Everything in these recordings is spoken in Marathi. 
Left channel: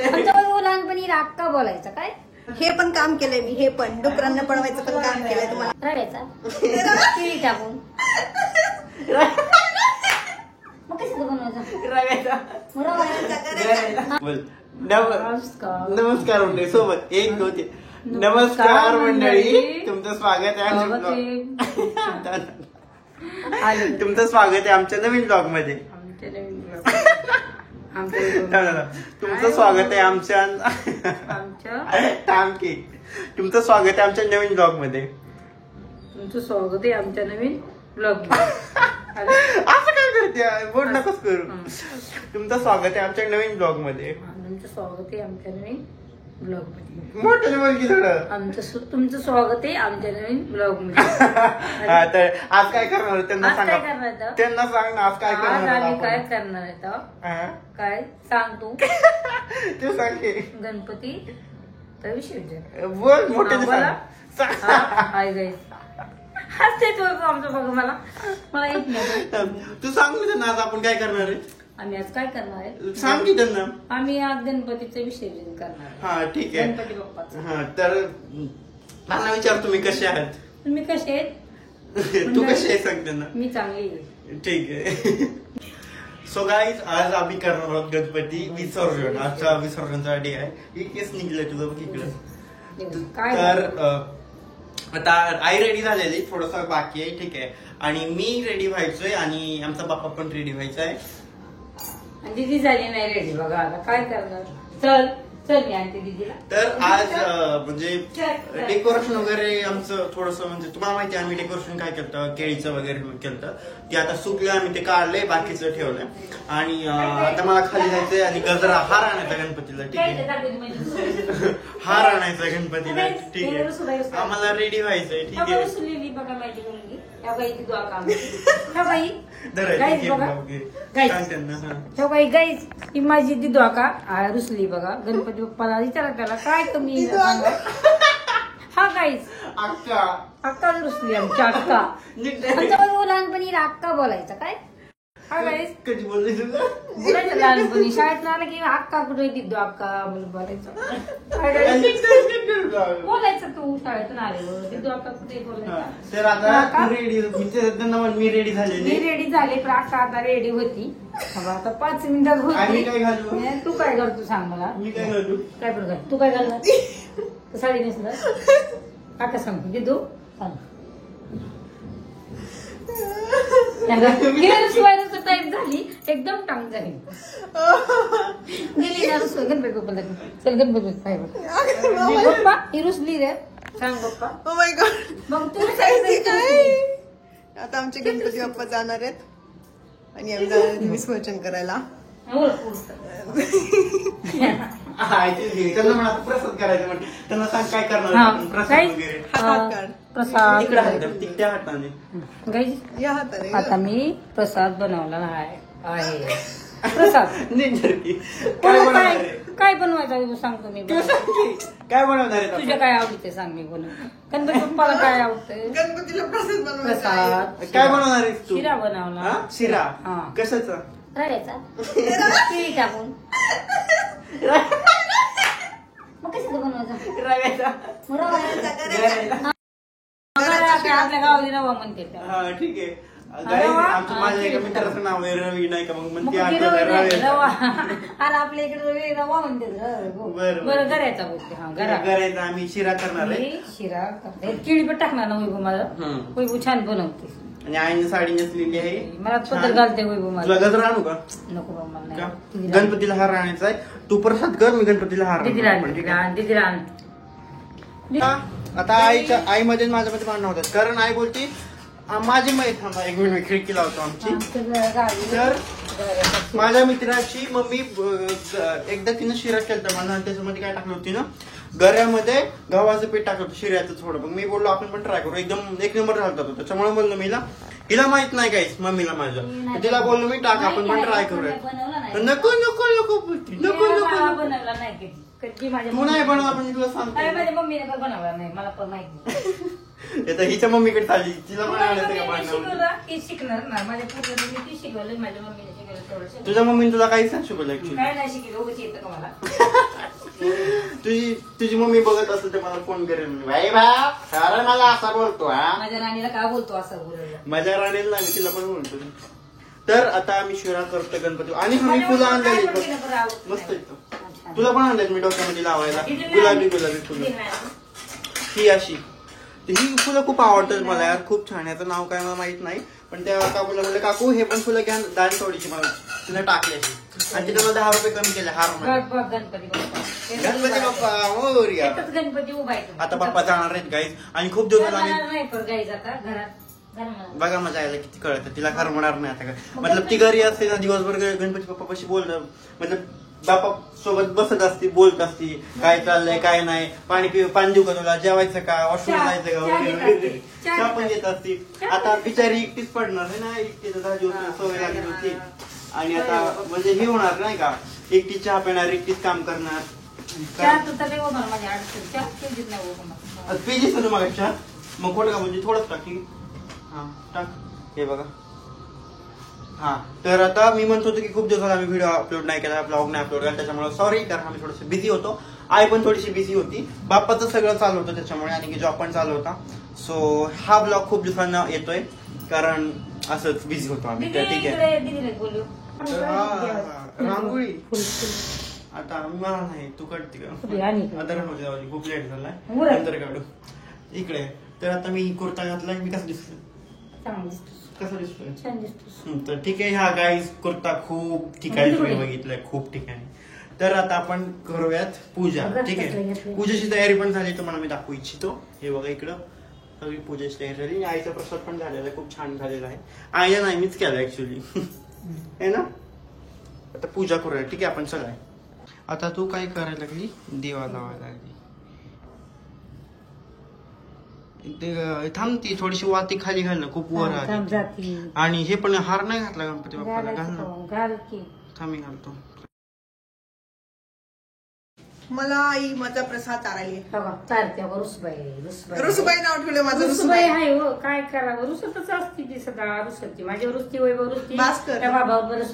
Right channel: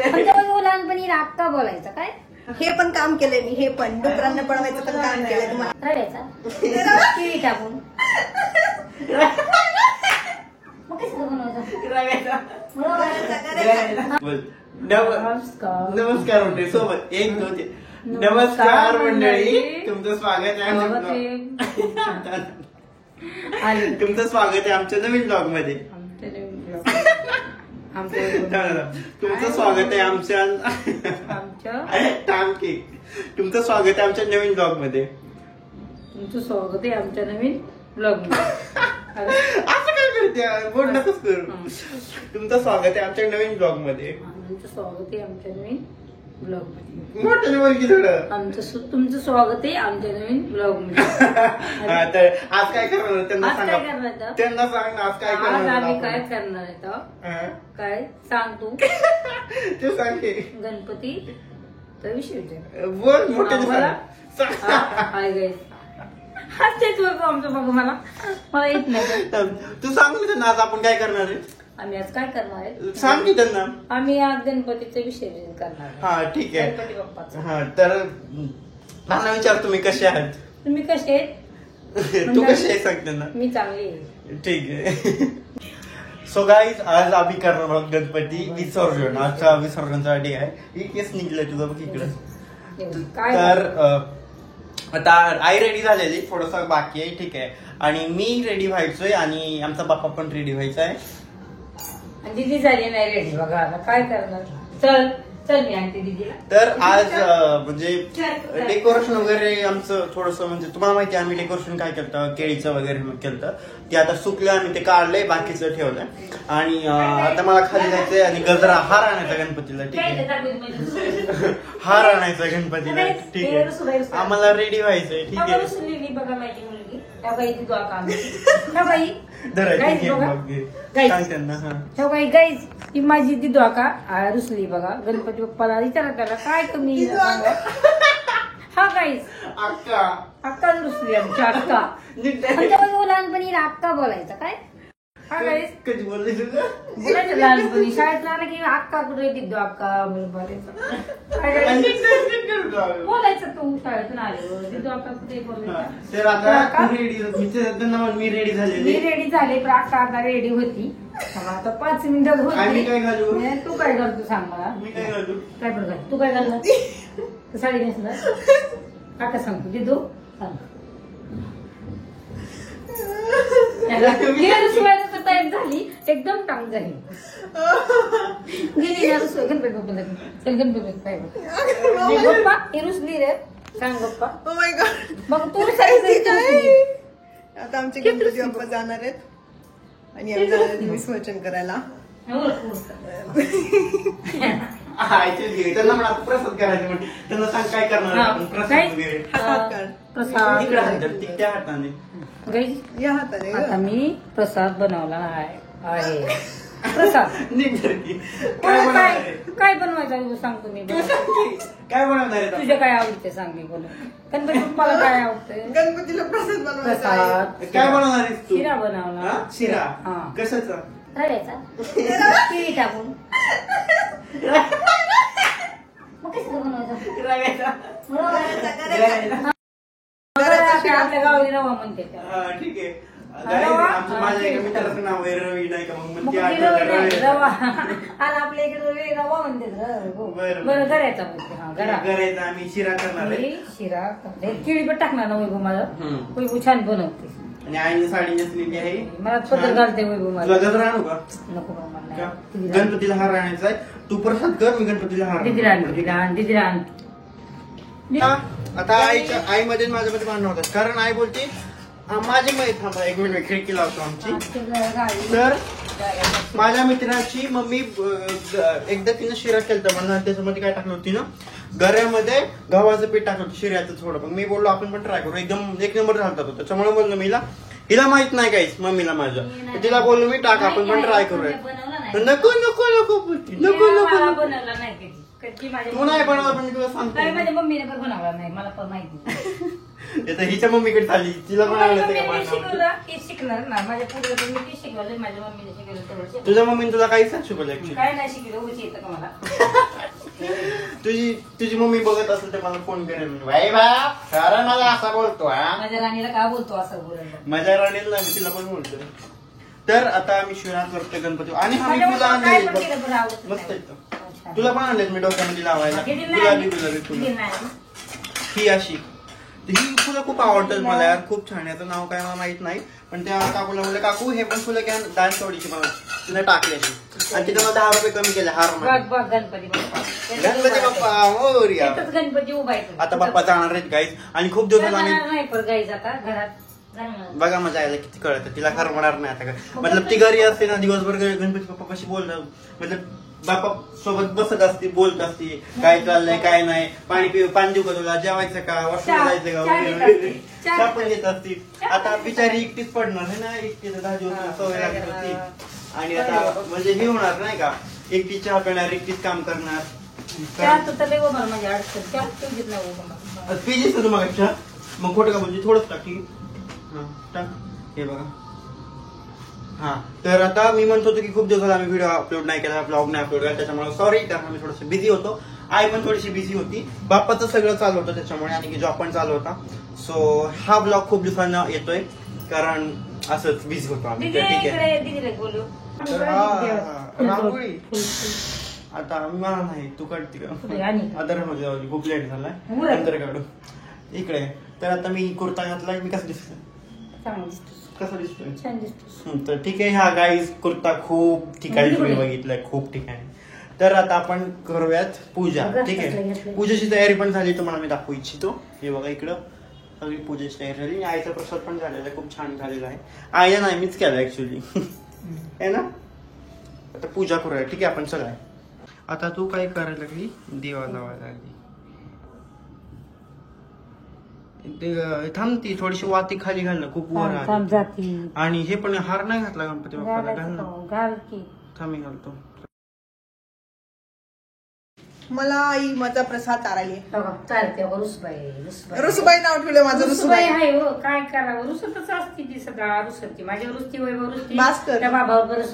लहानपणी राग का बोलायचा काय? हे पण काम केलंय मी, हे पण डुकरांना पळवायचं पण काम केलंय तुम्हाला. रडायचा केळी टाकून मग कसं बनवायचं? नमस्कार मंडळी सोबत एक नव्हते. नमस्कार मंडळी, तुमचं स्वागत आहे तुमचं स्वागत आहे आमच्या नवीन ब्लॉग मध्ये. तुमचं स्वागत आहे आमच्या तुमचं स्वागत आहे आमच्या नवीन ब्लॉग मध्ये. तुमचं स्वागत आहे आमच्या नवीन ब्लॉग मध्ये. असं काय करते, बोल नकोच करू. तुमचं स्वागत आहे आमच्या नवीन ब्लॉग मध्ये. तुमचं स्वागत आहे आमच्या नवीन ब्लॉग मध्ये. मोठं बोल थोडं. तुमचं स्वागत आहे आमच्या नवीन ब्लॉग मध्ये. तर आज काय करणार त्यांना आज काय सांगा, करणार आहे? त्यांना सांग ना आज काय आज करणार आम्ही आपण. काय करणार आहे? काय सांग तू? ते सांग की. गणपती तर विसर्जन. बोल मोठं बोला. सांग. हाय गाईस, हसते तू आमचं बघ. मला येत नाही. तू सांग ना त्यांना आज आपण काय करणार आहे. आम्ही आज काय करणार आहे सांग की त्यांना. आम्ही आज गणपतीचं विसर्जन करणार आहे. हा ठीक आहे. गणपती बाप्पाचं. हा तर मला विचार तुम्ही कसे आहात. तुम्ही कसे आहेत? तू कशी आहे सांग त्यांना. मी चांगली आहे. ठीक आहे. सो गाईज आज आम्ही करणार आहोत गणपती विसर्जन. आजचा विसर्जनचा डे आहे. ही केस निघलं तुझं बघ इकडं. काय तर आता आई रेडी झालेली, थोडंसं बाकी आहे. ठीक आहे. आणि मी रेडी व्हायचोय आणि आमचा बाप्पा पण रेडी व्हायचा आहे. दिदी झाली नाही रेडी बघा. आता काय करणार. चल चल मी आणते दिदीला. तर आज म्हणजे डेकोरेशन वगैरे आमचं थोडंसं म्हणजे तुम्हाला माहिती आहे आम्ही डेकोरेशन काय केलं, केळीचं वगैरे केलं. ते आता सुकलं, आम्ही ते काढलंय, बाकीचं ठेवलंय. आणि आता मला खाली जायचंय आणि गजरा हार आणायचा गणपतीला. ठीक आहे. हार आणायचा गणपतीला. ठीक आहे. आम्हाला रेडी व्हायचंय. ठीक आहे. ही माझी ती द्वाका रुसली बघा. गणपती बाप्पाला विचारा त्याला काय कमी सांगा. हा गाईस अक्का रुसली आमची अक्का. लहानपणी राग का बोलायचा काय? हा गाईस कधी बोलायचं लहानपणी शाळेत आला की अक्का कुठे दिदो अक्का म्हणून बोलायचं. बोलायचं तू शाळेतून आलो दिदो अक्का कुठे बोलायचं. मी रेडी झाले. मी रेडी झाले पण अक्का आता रेडी होती. आता 5 मिनिटात होती. तू काय करतो सांग मला. काय पण तू काय घालणार साडी नेसणार काका सांगतो दिदो सांग. शिवायला टाईप झाली एकदम टांग झाली. गेली गणपती बाप्पाला गणपती बाप्पा ही रुसली रे. सांग बाप्पा. Oh my God. मग तू आता आमचे गणपती बाप्पा जाणार आहेत आणि आम्ही जाणार आहेत विसर्जन करायला. त्यांना म्हणा प्रसाद करायचे म्हणजे त्यांना सांग काय करणार प्रसाद वगैरे. प्रसाद या हाताने आता मी प्रसाद बनवला आहे. प्रसाद काय बनवायचं सांगतो मी. काय बनवणार तुझ्या काय आवडते सांग मी बनव. गणपती बाप्पाला काय आवडतंय. गणपतीला प्रसाद प्रसाद काय बनवणार आहे. शिरा बनवला. शिरा कशाचा. रडायचा केळी टाकून मग कसं बनवायचं. आपल्या गावी रवा म्हणते त्याला. ठीक आहे. रवा मित्राचं नाव आहे रवी नाही का मग रवा. अरे आपल्या इकडे रवा म्हणते. बरं करायचा बोलते. हा करायचा. आम्ही शिरा करणार आहे. शिरा करते. केळी पण टाकणार ना वैभव माझं. वैभव छान बनवते. आणि आईने साडी नेसलेली आहे. मला पदर घालते वैभव माझं. गजरा आणू का. नको बा मला. गणपतीला हार आणायचा आहे. तू प्रसाद कर, मी गणपतीला हार. दिदीला आण. आता आई मध्ये माझ्यामध्ये भांडण होतात कारण आई बोलते माझी माहिती थांबा 1 मिनिट खिडकी लावतो आमची. तर माझ्या मित्राची मम्मी एकदा तिनं शिरा केलता म्हणून त्याच्यामध्ये काय टाकलं होती ना गऱ्यामध्ये गव्हाचं पीठ टाकलं होतं शिऱ्याचं थोडं. मग मी बोललो आपण पण ट्राय करू. एकदम 1 नंबर घालतात होतं. त्याच्यामुळे बोललो मीला हिला माहित नाही काहीच मम्मीला माझं. तिला बोललो मी टाक आपण पण ट्राय करूया. नको नको नको बोलती नको नको. तू नाही बनवला पण तुला सांगतो. माझ्या मम्मीने पण बनवला नाही मला पण माहिती. आता हिच्या मम्मीकडे चालली तिला पण आवडतं का पाणी. शिकणार ना माझ्या पूर्वजांनी शिकवलं माझ्या मम्मीने शिकवलं. तुझ्या मम्मीने तुला काहीच नाही शिकवलं की काय नाही शिकलं उगाच येतं का मला. तुझी मम्मी बघत असेल तर मला फोन करेल भाई बा खरं मला असा बोलतो हा माझ्या राणीला का बोलतो असं बोलायला माझ्या राणीला मी तिला पण बोलतो. तर आता आम्ही शिरा करतो गणपती आणि आम्ही फुलं आणलेली बघ मस्त येतं. तुला पण आणलेत मी डोक्यामध्ये लावायला गुलाबी फुलं. ही अशी ही फुलं खूप आवडतात मला यार, खूप छान. याचं नाव काय मला माहित नाही पण त्या काकूला म्हणलं काकू हे पण फुलं घ्या डान्स थोडीशी मला तिने टाकली अशी आणि तिने मला 10 रुपये कमी केले हार मध्ये. गणपती बाप्पा मोरया. गणपती उभा आहे आता बाप्पा जाणार आहेत गाईज आणि खूप दिवसात आम्ही नाही पण गाईज आता घरात बघा मजा यायला किती कळतं तिला खरं म्हणणार नाही आता. मतलब ती घरी असते ना दिवसभर गणपती बाप्पा कशी बोलतात मतलब बाप्पा सोबत बसत असते बोलत असते काय चाललंय काय नाही पाणी देऊ का तुला जेवायचं का वॉशरूम जायचं का वगैरे त्या पण येत असते. आता बिचारी एकटीच पडणार आहे ना एकटीचं 10 दिवस सवय लागली होती आणि आता म्हणजे हे होणार नाही का एकटीच चहा पिणार एकटीच काम करणार. पेजीस तुम्हाला चहा मग खोटं का बोलते थोडंच टाकी हा हे बघा. हा तर आता मी म्हणत होतो की खूप दिवसात आम्ही व्हिडिओ अपलोड नाही केला ब्लॉग नाही अपलोड केला त्याच्यामुळे सॉरी कारण आम्ही थोडंसं बिझी होतो. आई पण थोडीशी बिझी होती बाप्पाचं सगळं चालू होतं त्याच्यामुळे आणि जॉब पण चालू होता. सो हा ब्लॉग खूप दिवसांना येतोय कारण असंच बिझी होतो आम्ही. तर ठीक आहे तर रांगोळी आता मला नाही तू काढते का आता राहू खूप लेट झालाय नंतर काढू इकडे. तर आता मी कुर्ता घातलाय मी कसं दिसतोय कसं दिसतोय तर ठीक आहे. हा गाईज कुर्ता खूप ठिकाणी तुम्ही बघितलाय खूप ठिकाणी. तर आता आपण करूयात पूजा. ठीक आहे पूजेची तयारी पण झाली तुम्हाला मी दाखवू इच्छितो. हे बघा इकडं सगळी पूजेची तयारी झाली. आईचा प्रसाद पण झालेला आहे खूप छान झालेला आहे. आईला नाही मीच केला ऍक्च्युली है ना. आता पूजा करूया ठीक आहे आपण सगळं. आता तू काय करायला लागली दिवा लावायला लागली थांबती थोडीशी वाती खाली घालणं खूप वर आली आणि हे पण हार नाही घातला गणपती बाप्पाला घालणं थांबी घालतो. मला आई माझा प्रसाद चारायली रुसबाई रुसबाई नाव ठेवलं माझं रुसबाई आहे हो काय करावं रुसतच असते ती सगळं रुसती माझ्यावर रुसती वैभव रुसती भास्कर. त्या बाबावर बरंच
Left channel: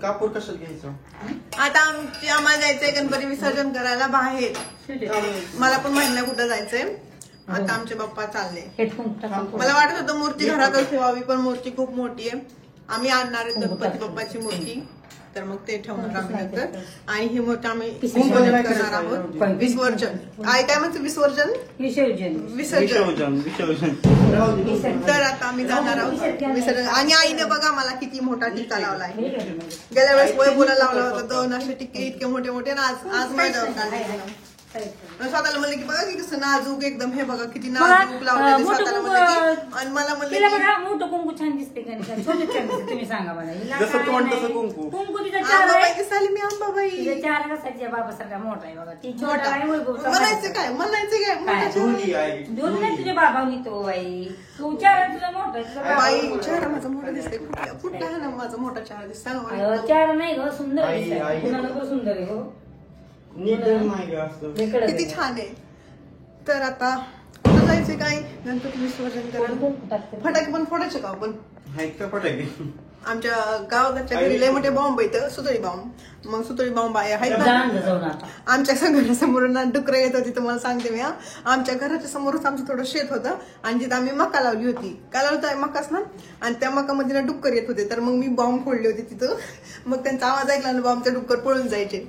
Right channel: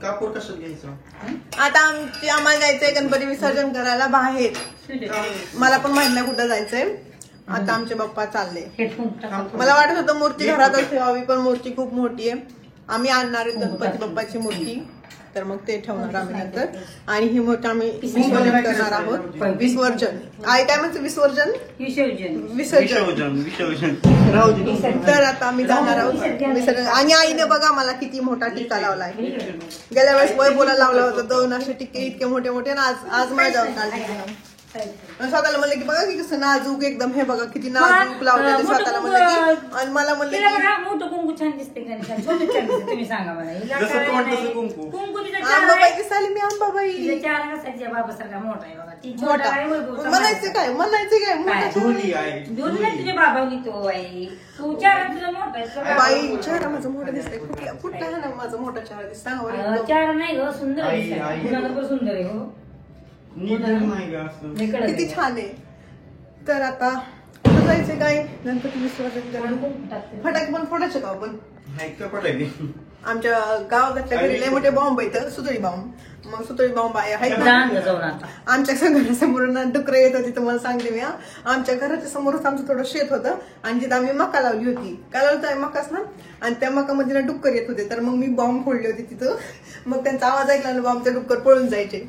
कापूर कसं घ्यायचं. आता आम्हाला जायचंय गणपती विसर्जन करायला बाहेर. मला पण माहित नाही कुठं जायचंय. आता आमचे बाप्पा चालले. मला वाटत होतं मूर्ती घरातच ठेवावी पण मूर्ती खूप मोठी आहे. आम्ही आणणार आहेत गणपती बाप्पाची मूर्ती तर मग ते ठेवणार आम्ही नंतर आणि ही मूर्ती आम्ही विसर्जन करणार आहोत. विसर्जन आई काय म्हणते विसर्जन विसर्जन. तर आता आम्ही जाणार आहोत विसर्जन आणि आईने बघा मला किती मोठा टिक्का लावलाय. गेल्या वेळेस वैभवला लावला होता 2 असे टिक्के इतके मोठे मोठे ना आज माझ्यावर काढले. स्वतःला म्हणलं की बघा की कसं नाजूक एकदम हे बघा किती नाजूक लावलेलं स्वतःला म्हणलं की आणि मला म्हणलं की मोठं कुंकू छान दिसते तुम्ही सांगा मला आंबाबाई दिसाली मी आंबाबाई बाबा मोठा आहे बघा ती मोठा म्हणायचं काय मोठा तुझ्या बाबांनी तो बाई तू चार तुझा मोठा आहे बाई चेहरा माझा मोठा दिसतोय कुठला आहे ना माझा मोठा चेहरा दिसता चार नाही ग सुंदर आहे सुंदर आहे हो किती छान आहे. तर आता कुठं जायचंय काय गणपती विसर्जन करायला फटाके पण फोडायचे का आपण. आमच्या गावाकडच्या घरी लय मोठे बॉम्ब आहेत सुतळी बॉम्ब मग सुतळी बॉम्ब आहेत ना आमच्या घरासमोर डुकरं येत होती तुम्हाला सांगते मी. आमच्या घराच्या समोरच आमचं थोडं शेत होतं आणि तिथं आम्ही मका लावली होती काय लावलं मकाच ना आणि त्या मकामध्ये ना डुक्कर येत होते तर मग मी बॉम्ब फोडले होते तिथं. मग त्यांचा आवाज ऐकला ना बॉम्बच्या डुक्कर पळून जायचे.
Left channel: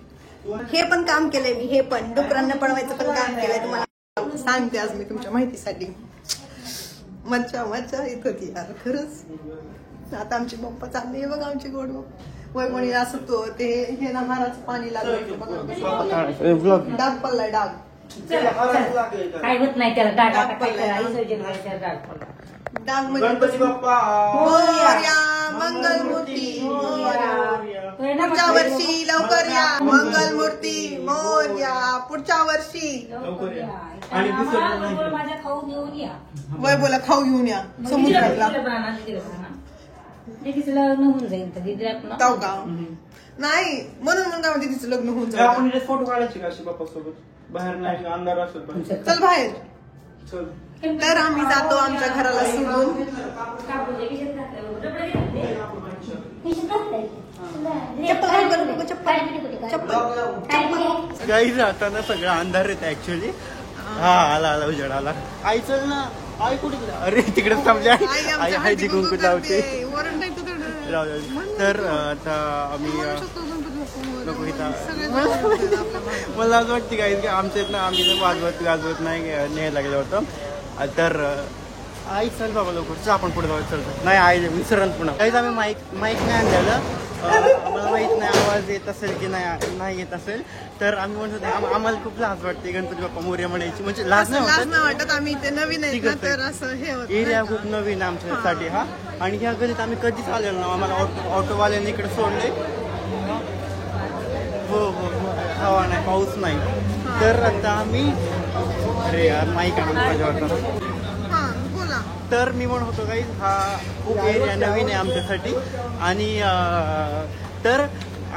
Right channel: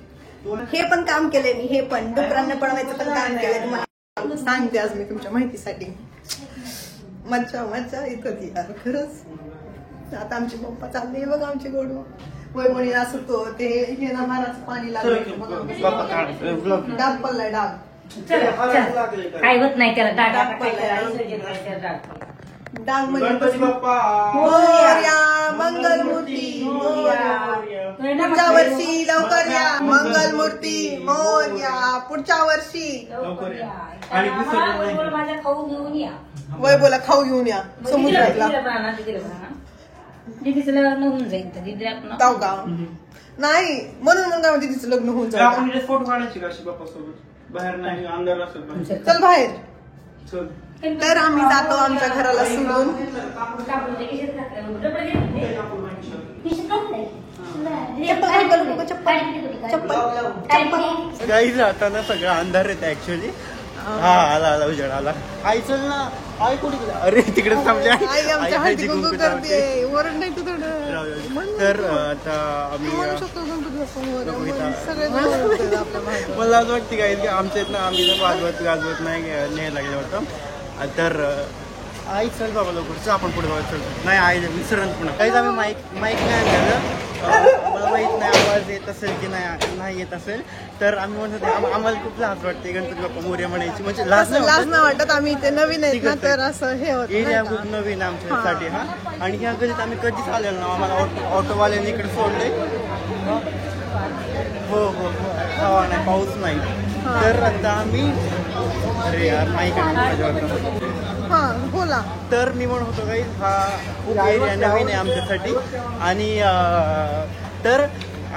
हे पण काम केलंय मी हे पण डुकरांना पळवायचं पण काम केलंय तुम्हाला सांगते आज मी तुमच्या माहितीसाठी. मज्जा येत होती यार खरंच. आता आमची बाप्पा चालली बघा आमची गोड वैवणी असतो ते हे ना माराचं पाणी लागलं डाग पडलाय डाग काय होत नाही त्याला डाग पडलाय डाग म्हणजे मोरया मंगलमूर्ती मोरया पुढच्या वर्षी लवकर या मंगलमूर्ती मोरया पुढच्या वर्षी खाऊ घेऊन या वैभवला खाऊ घेऊन या समुद्रातला दिदीचं लग्न होऊन जाईल तर दिदी जाऊ का नाही म्हणून मग काय दिदीचं लग्न होऊन जाईल. फोटो काढायची का बाप्पासोबत बाहेर नाही अंधार असेल चल बाहेर. तर आम्ही जातो आमच्या घराला सोडून. चप्पल चप्पल काही जाताना सगळं अंधार येतं ऍक्च्युली. हा आला उजेड आला. आई चल ना. आई कुठे गेला? अरे तिकडे थांबल्या. आई आमच्या हळदी कुंकू करते. वरण नाही तर तर आता आम्ही म्हणू शकतो गणपती बाप्पा मोरया. सगळे ओरडतात आपल्या मागे. मला असं वाटतं काय की आमच्या इथनं आम्ही वाजवत गाजवत नाही न्यायला लागलं होतं. तर आई चल बाबा लवकर चल आपण पुढे जाऊ. चल नाही आई विसरण पुन्हा काहीच आम्ही माईक नाही आणलं. आम्हाला माहित नाही आवाज येत असेल की नाही येत असेल. तर आम्ही म्हणत होते आम्हाला खूप लाज वाटते गणपती बाप्पा मोरया म्हणायची. म्हणजे लाज नाही वाटत. आम्ही इथे नवीन आहेत ना तर असं हे होत एरिया खूप नवीन आमच्यासाठी. हा आणि ह्या गलीत आम्ही कधीच आलेलो ना. आम्हाला ऑटोवाल्याने इकडे सोडले. हो हवा नाही पाऊस नाही. तर आता आम्ही अरे यार माहिती आहे. हा बोला. तर मी म्हणत होतो काही हा खूप एरिया नवीन आहे आमच्यासाठी. आणि तर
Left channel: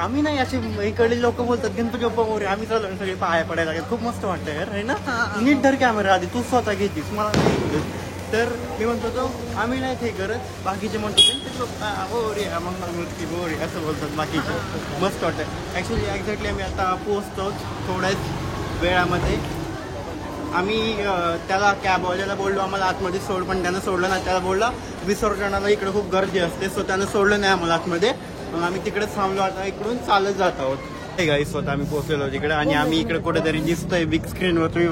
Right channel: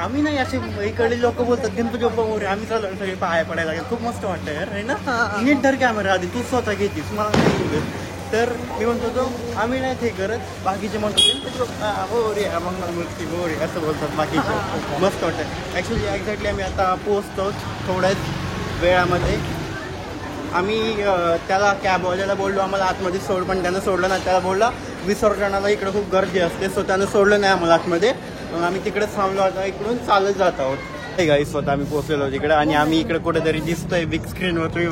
आम्ही नाही असे इकडे लोक बोलतात गणपती बाप्पा मोरया. आम्ही चालू सगळे पाया पडायला लागेल. खूप मस्त वाटतं यार आहे ना. नीट धर कॅमेरा आधी तू स्वतः घेतीस मला नाही. तर मी म्हणतो होतो आम्ही नाही ते करत. बाकीचे म्हणतो गणपती बाप्पा मोरया मंगलमूर्ती मोरया असं बोलतात बाकीचे. मस्त वाटतं ऍक्च्युली. एक्झॅक्टली आम्ही आता पोहोचतो थोड्याच वेळामध्ये. आम्ही त्याला कॅबवाल्याला बोललो आम्हाला आतमध्ये सोड. पण त्यानं सोडलं नाही. त्याला बोलला विसर्जनाला इकडे खूप गर्दी असते. सो त्यानं सोडलं नाही आम्हाला आतमध्ये. मग आम्ही तिकडेच थांबलो होता. इकडून चालत जात आहोत. हे गाईस स्वतः आम्ही पोहोचलेलो तिकडे. आणि आम्ही इकडे कुठेतरी दिसतोय बिग स्क्रीनवर. तुम्ही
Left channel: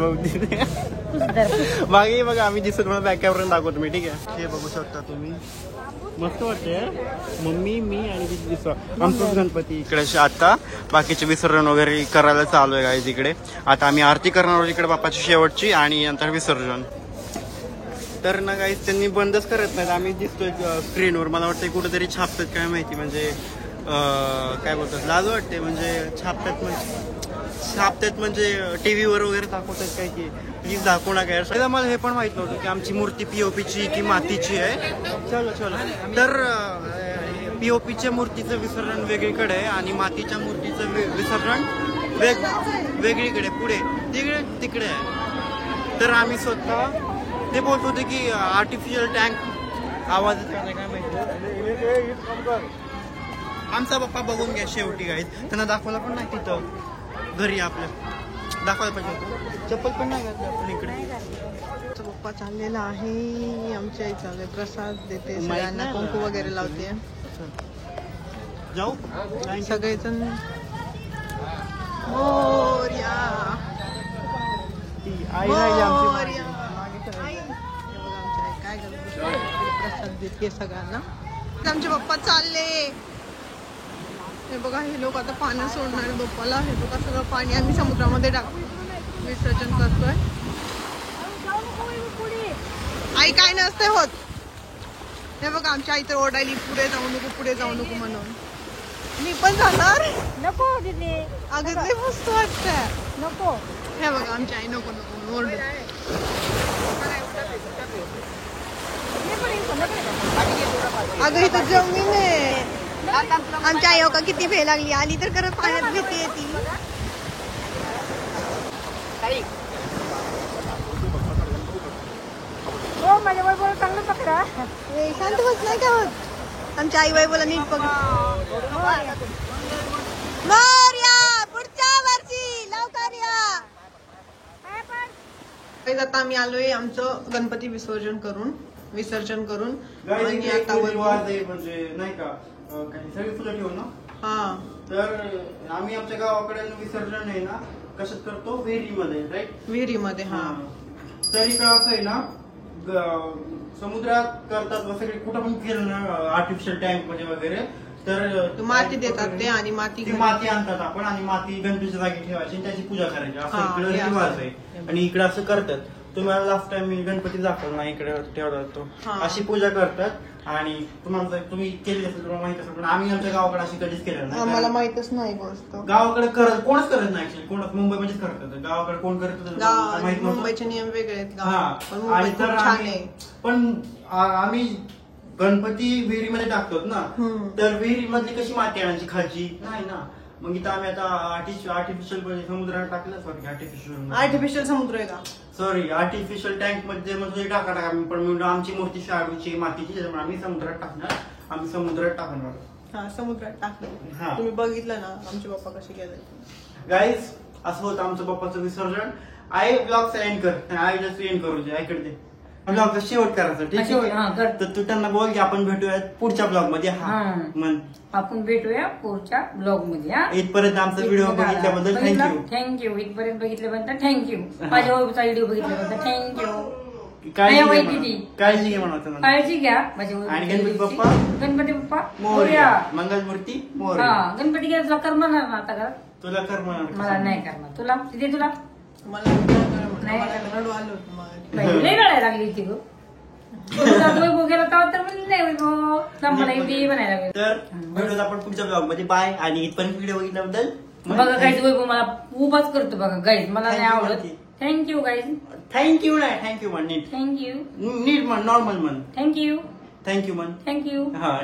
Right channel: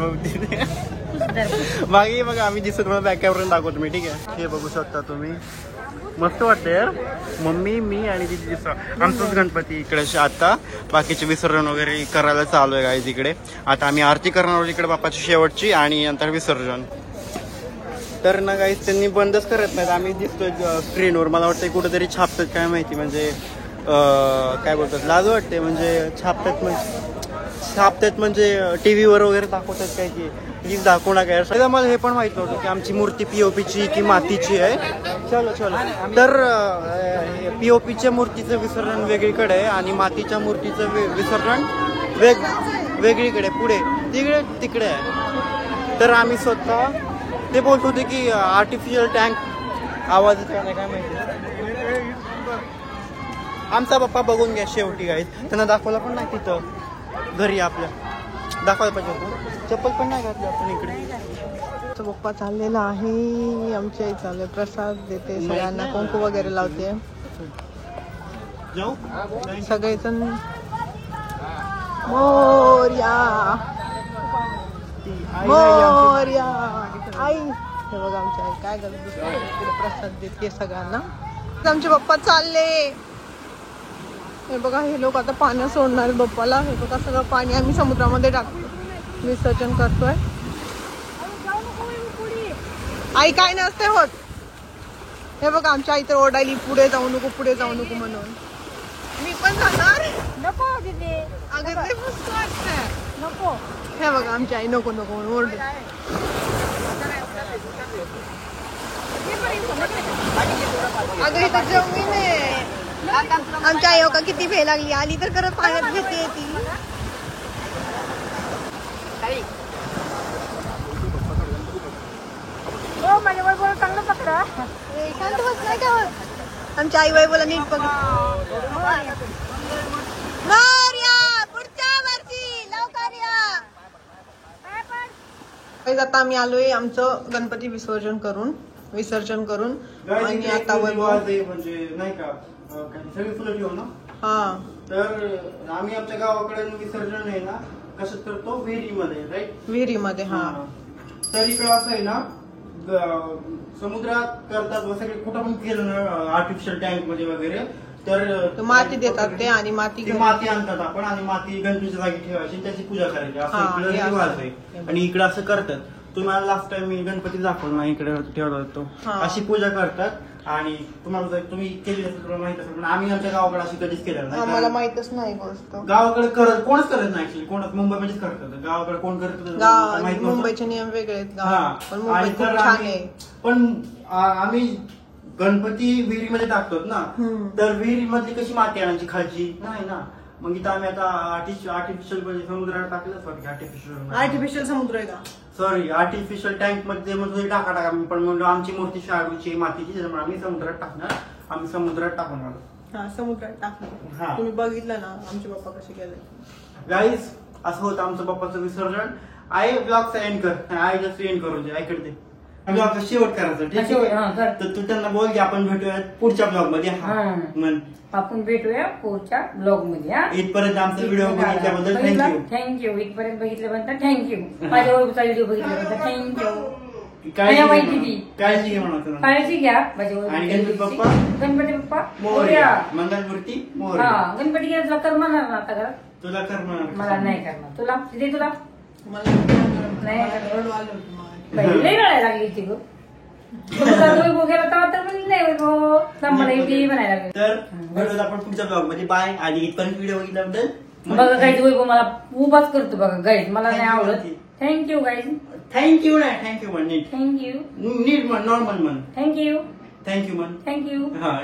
मागे बघा आम्ही दिसतो. तुम्हाला बॅक कॅमेरा दाखवतो मी. ठीक आहे हे बघू शकता तुम्ही. मस्त वाटतं यार. मम्मी मी आणि तिची दिसतो आमचंच गणपती इकडे. आता बाकीचे विसर्जन वगैरे करायला चालू आहे गाईज इकडे. आता आम्ही आरती करणार आहोत इकडे बाप्पाची शेवटची आणि नंतर विसर्जन. तर ना गाईज त्यांनी बंदच करत नाहीत. आम्ही दिसतोय स्क्रीनवर. मला वाटतं कुठेतरी छापतात काय माहिती. म्हणजे काय बोलतात लाज वाटते. म्हणजे छापतात म्हणजे टीव्हीवर वगैरे दाखवतात काय की प्लीज दाखवू नका यार. मला हे पण माहित नव्हतं की आमची मूर्ती पीओपीची की मातीची आहे. चलो तर पीओपीच्या मूर्तीचं विसर्जन वेगळीकडे आहे आणि मातीच्या मूर्तीचं विसर्जन वेगळीकडे पुढे तिकडे आहे. तर आम्ही स्वतः ते बोलत होते की आर्टिफिशियल टँक आवाज येत नाही काय माहिती. आमचा बाप्पा बघून घ्या शेवटी गाईज. त्यांना दाखवला पण नाही तिथं घरी आपल्या दाखवायला पाहिजे होतं. चप्पल पण नाही घातली आपण इकडे. तो पप्पा चाललेला आहे. आमच्या आई चालले प्रसाद देते सगळ्यांना. कुंकू वगैरे लावते. जाऊ सगळेजण मोरया मोरया. आई हे बघा आमची आई काय करते. प्रसाद देते सगळ्यांना. आमचे पप्पा चालले. हे बघा हे लोक आता पाणी सोडणार बाप्पाला. हे बघा सगळं पाणी आम्ही समुद्रामध्ये टाकतो. विसर्जन करतोय. आई काय नसते होत. हे बघा आमच्या आई तर ओरडायली पुढे जाऊ नको म्हणून. मी पण जाणार नको. अगं मस्त वाटतं नको. हे बघा आमची आई नको म्हणून ओरडत. अगं इथं जमीन आहे. आमच्या आई का किती भे लागली. आली तर खरं पाण्यात भीती येते. आमच्या आई वैभवला नीट बघ. पुढच्या वर्षी लवकर या. आता आम्ही आलोय आमचं गणपती विसर्जन करून आणि आता म्हणजे नाही का सगळी फुलं ठेवून ना. हा तर आम्ही आमच्या गावाकडे विसर्जन आहे ना कशात करतो विहिरीमध्ये. राईट विहिरीमध्ये. हा तर इकडं असं आहे ना समुद्रात करतात सगळे कुठं पण केलं ना आर्टिफिशियल टँक मध्ये वगैरे. तर माती देतात ते आणि माती आणतात आपण आणि माती गणपतीच्या जागी ठेवायची आणि त्याची पूजा करायची असं इकडे रिवाज आहे. आणि इकडे असं करतात. तुम्हाला लास्ट टाइम मी गणपती दाखवला इकडे ठेवला होतो. अशी पूजा करतात. आणि तुम्हाला तुम्ही केली असेल तुम्हाला माहित असेल पण आम्ही आमच्या गावाकडे अशी कधीच केलेलं नाही. आम्हाला माहितच नाही गोष्ट. गावाकडे कोणच करत नाही ऍक्च्युली. कोण मुंबईमध्येच करतात. गावाकडे कोण करत मुंबईचे नियम वेगळे आहेत. पण आम्ही गणपती विहिरीमध्ये टाकतो ना. तर विहिरीमधली कशी माती आणायची खालची नाही ना. मग इथं आम्ही आता आर्टिफिशियल समुद्राला टाकलं. आर्टिफिशियल समुद्र आहे का. सॉरी आर्टिफिशियल टँक मध्ये मग टाका पण म्हणून आमची मूर्ती शाडूची मातीची त्याच्यामुळे आम्ही समुद्रात टाकणार. आम्ही समुद्रात टाकणार. हा समुद्रात हा. टाकलं तुम्ही बघितलं ना आमचे पप्पा कसे गेले गाईज असं होतं आमचं पप्पाचं विसर्जन. आई ब्लॉगचा एंड कर, आईला एंड करू दे, ऐकडे दे ब्लॉगचा शेवट करायचं ठीक आहे. तर तू त्यांना बोल की आपण भेटूया पुढच्या ब्लॉग मध्ये. म्हण आपण भेटूया पुढच्या ब्लॉग मध्ये. इथपर्यंत आमचा व्हिडिओ बघितल्याबद्दल थँक्यू. थँक्यू. इथपर्यंत बघितल्याबद्दल थँक्यू. माझ्या वैभवचा व्हिडिओ बघितल्याबद्दल थँक्यू. काळजी घे म्हणा. काळजी घ्या माझ्या आणि गणपती बाप्पा गणपती बाप्पा मोरया. मंगलमूर्ती मोरया. हा गणपती गेला तुला कर म्हणणार ना आता घरात. तुला कर म्हणा. मला नाही करणार. तुला तिथे तुला मला नाही रडू आलं होतं मला. लई रडायला लागली ती गो. वैभव गेला तेव्हा तर म्हणली नाही वैभव मला एवढी म्हणायला लागली. तर भेटूया आपण पुढच्या ब्लॉग मध्ये. बाय. आणि इथपर्यंत व्हिडिओ बघितल्याबद्दल बघा गाईज वैभव मला उभाच करतो बघा गाईज. मला नाही आवडत. Thank you guys. थँक्यू नाही थँक्यू म्हण नीट. थँक्यू. नीट म्हण नॉर्मल म्हण. थँक्यू. थँक्यू म्हण. थँक्यू. हा